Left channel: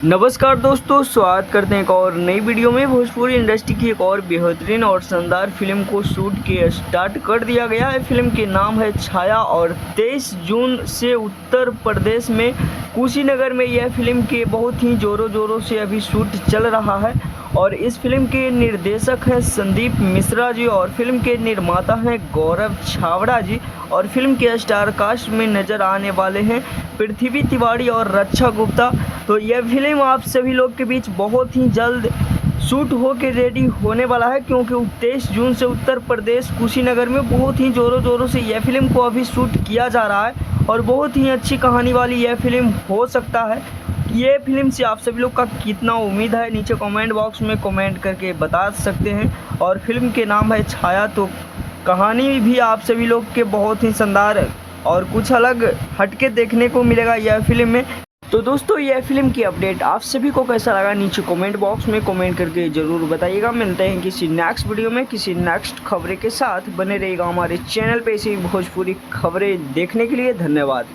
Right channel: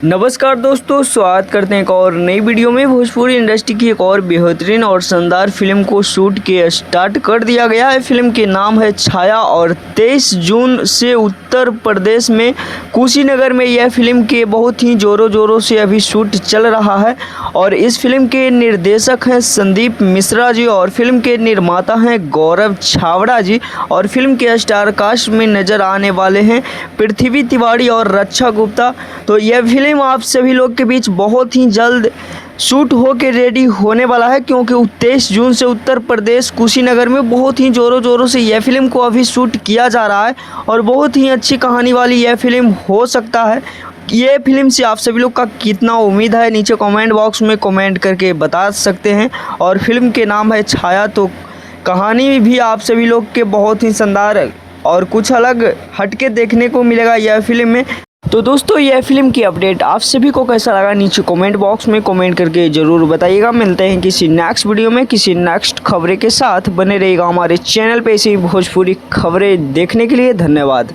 नमस्कार दोस्तों, स्वागत करते हैं एक और नई वीडियो में। भोजपुरी इंडस्ट्री की एक और बेहतरीन और शानदार फिल्म को शूट के स्टार्ट कर दिया गया है। फिल्म के नाम है छाया और 23 जून से उत्तर प्रदेश में कुशीनगर में यह फिल्म के बहुत ही ज़ोरों से अभी शूट चल रहा है। और इस फिल्म के निर्देशक हैं संदीप मिश्रा जी और फिल्म के निर्माता हैं गौरव छावड़ा जी। और फिल्म के स्टार कास्ट में नज़र आने वाले हैं पृथ्वी तिवारी और रक्षा गुप्ता। तो यह फिल्म आप सभी लोग के बीच बहुत ही जल्द शूट हो के रेडी होने वाला है, क्योंकि 23 जून से उत्तर प्रदेश कुशीनगर में बहुत ही ज़ोरों से यह फिल्म को अभी शूट किया जा रहा है। और बहुत ही अच्छी कहानी वाली यह फिल्म हो सकता है। ये फिल्म से आप सभी लोग का कितना उम्मीद है, नीचे कमेंट बॉक्स में कमेंट करके बता सकते हैं। और फिल्म के नाम है छाया, तो कहानी भी आप सभी लोग के बहुत ही शानदार और कुछ अलग हटके देखने को मिलेगा यह फिल्म में। तो दोस्तों, यह फिल्म की अपडेट आप सभी को कैसा लगा, नीचे कमेंट बॉक्स में कमेंट करके ज़रूर बताइएगा। मिलते हैं किसी नेक्स्ट वीडियो में किसी नेक्स्ट खबरें के साथ। बने रहिएगा हमारे चैनल पे ऐसी भोजपुरी खबरें देखने के लिए। धन्यवाद।